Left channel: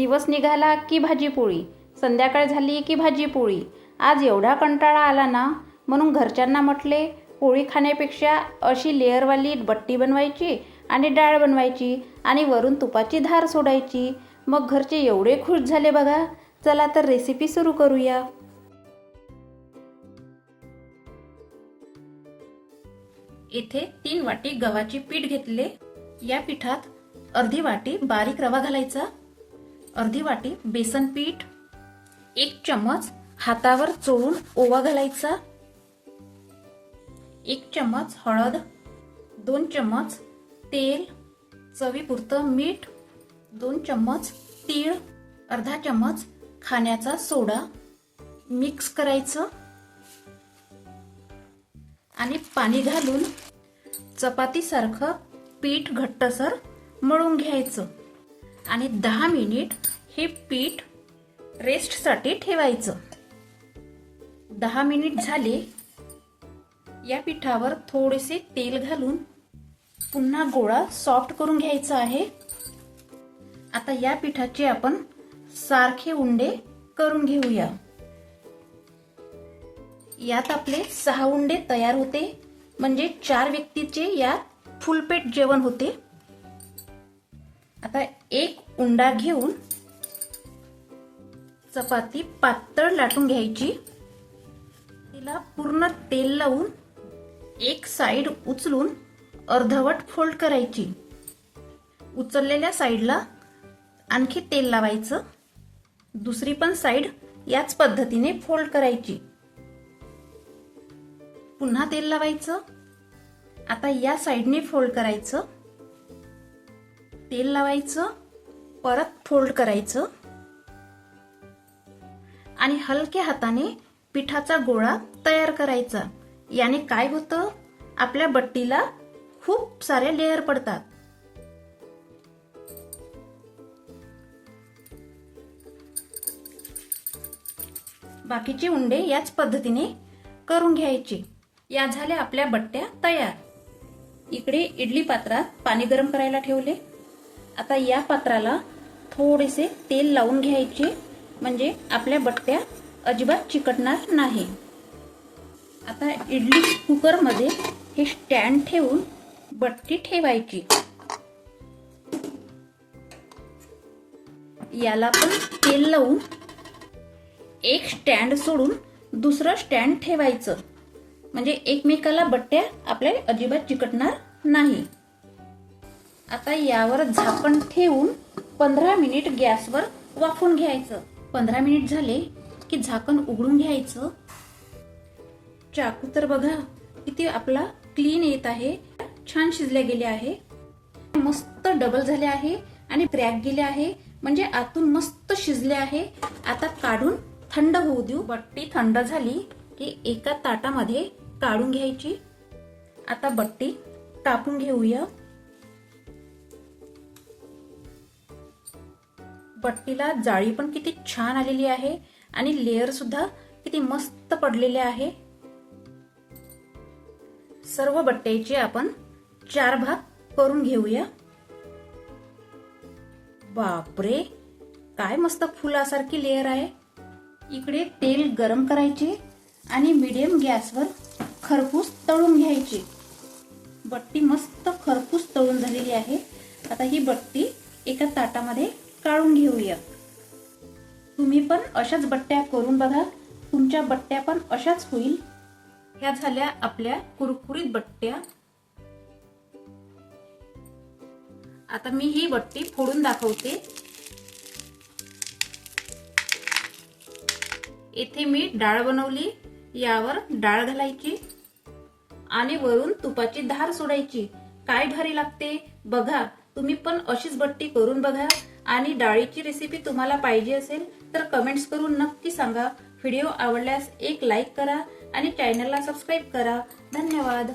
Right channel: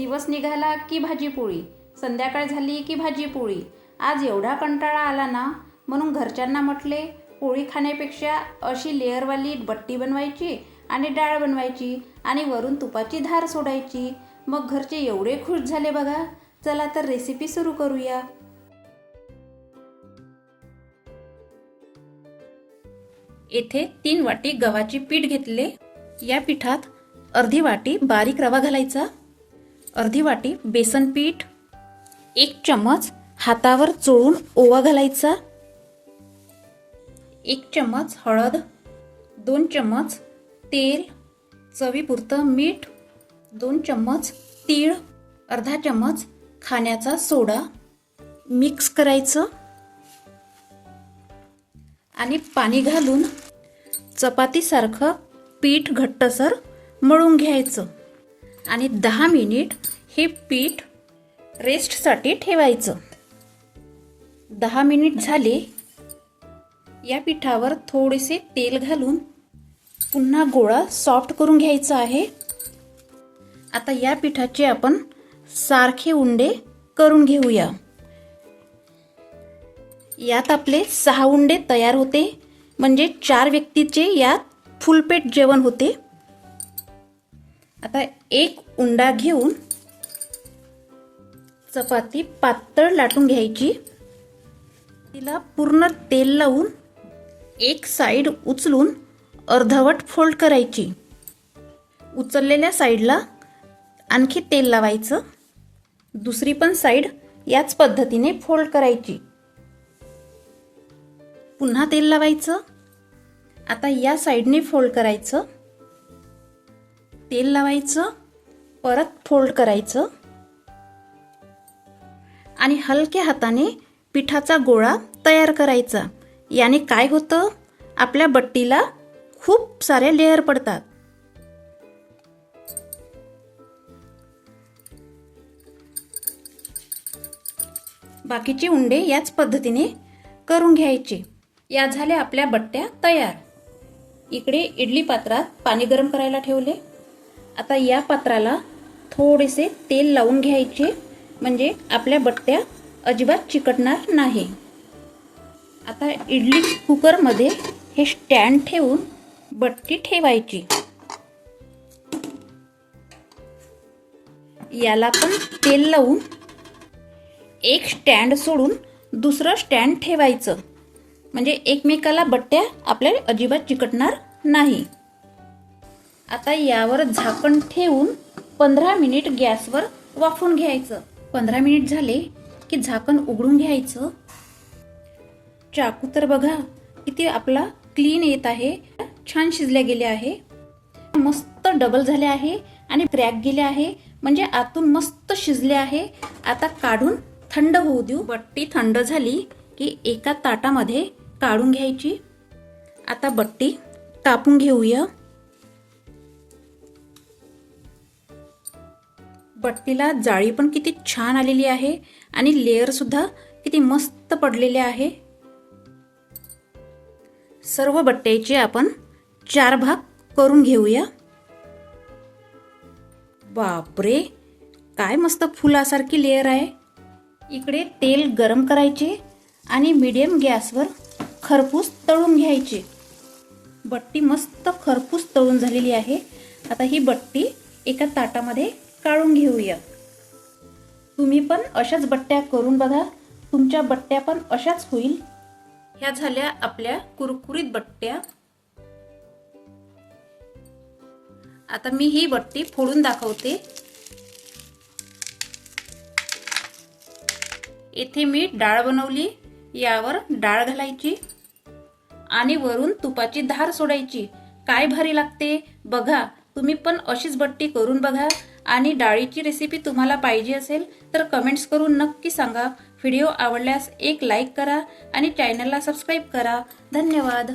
दिवस निघाला की भाजीपोळी, संध्याकाळ झाली की भाजीपोळी. आज एवढा कंटाळा आला ना, म्हणून घरच्यांना म्हटले पोळी खाण्यापेक्षा अशी लेअरवाली बट्टी बनवायची आणि डाळ बनवायची आणि वरून तुपाची धार सोडायची. मग घरचे एवढे खुश झाले बघा. चला तर रेसिपी सुरू करूया. येथे 3 वाटी गव्हाचे पीठ घेतले. या पिठात अर्धी वाटी बारीक रवा घालायचा, अर्धी वाटी बेसन पीठ, 1 चम्मच हातावर चोळून ओवा घालायचा, 1 चम्मच हळद, 2 चम्मच तेल, चवीपुरतं मीठ, 2 चम्मच तीळ, अर्धा चम्मच खाण्याचा सोडा मिक्स करायचं आणि पाणी घालून चपातीसारखं पीठ घट्टसर मळून घ्यायचं आणि 10 मिनिट हे पीठ रेस्टसाठी ठेवायचं. 10 मिनिट झाले. या पिठावर थोडेसे तेल घालून पुन्हा गोळा सॉफ्ट करून घ्यायचा आहे. आता या पिठाचे आपण सारखे उंडे करून घेऊया. यात आपले 6 उंडे तयार होते, म्हणजे 4 व्यक्तीचे यात फुलपेट जेवण होते. आता एक उंडा घेऊन चपाती पातळ लाटून घ्यायची. तिला पूर्ण तेल लावून एक साइड उचलून अर्धवट फोल्ड करायची. उचललेल्या साइडला आणखी तेल लावायचं. दुसरी पण साइड याच पद्धतीने फोल्ड करायची. पुन्हा तेल लावायचं. आता या साइडने फोल्ड करायचं, तेल लावायचं, परत फोल्ड करायचं आणि हलक्या हाताने पिठाचा गोळा तयार करायचा. याने काय होतं, आपल्या बट्टीला खूप सारे लेयर पडतात. बाकीचे उंडे याच पद्धतीने करून घ्यायचे. या झाल्या आपल्या बट्ट्या तयार. इकडे इडली पात्रात पाणी गरम करायला ठेवले. आता या पात्राला थोडेसे तेल लावून घ्यायचे, म्हणजे आपल्या बट्ट्या अजिबात चिकटणार नाही. आता इडली कुकरमध्ये हे स्टँड ठेवून बट्टी ठेवायची. याला पण तेल लावून एक स्टँड सोडून दुसरं स्टँड ठेवायचं, म्हणजे एकमेकाला बट्ट्या आपल्या अजिबात चिकटणार नाही. आता यावर झाकण ठेवून 15 मिनिट गॅसवर वाफवून घ्यायचं. 15 मिनिट झाले की झाकण उघडून घ्यायचं. चाकू तर बघा किती आपला क्लीन येत आहे. छान शिजल्या गेले आहे, मस्त डबल झाले आहे आणि क्रॅक गेले आहे, म्हणजे आतून मस्त शिजले आहे. आता काढून थंड होऊ देऊ. बट्टी थंड झाली की एका ताटामध्ये काढून घ्यायची. आता बट्टी कापून घेऊया. बट्टीला जाळी पण किती छान आलेली आहे आणि लेयर सुद्धा किती मस्त पडलेले आहे. सर्व बट्ट्याचे आपण 4 भाग करून घेऊया. बापरे, काय मस्त फुलासारखी लेयर आहे. इकडे तेल गरम करायचे आणि मीडियम गॅसवर खरपूस तळून घ्यायचे. बट्टी मस्त खरपूस तळून झालेली आहे. आता ही बट्टी एका ताटामध्ये काढून घेऊया. तुम्ही पण अशाच बट्ट्या करून बघा, तुमच्या बट्ट्या पण अशाच होईल. ह्या झाल्या आपल्या कुरकुरीत बट्ट्या. आता मी ही बट्टी फोडून दाखवते. येथे मी डाळ बनवली. यावर डाळ घालायची आणि वरून तुपाची धार सोडायची. काय भारी लागते बघा. तुम्ही पण अशीच बट्टी करून बघा. आणि डाळीची रेसिपी तुम्हाला पाहिजे असेल तर कमेंट्स करून नक्की सांगा. व्हिडिओ आवडल्यास एक लाईक करा आणि चॅनलला सबस्क्राईब करा. धन्यवाद.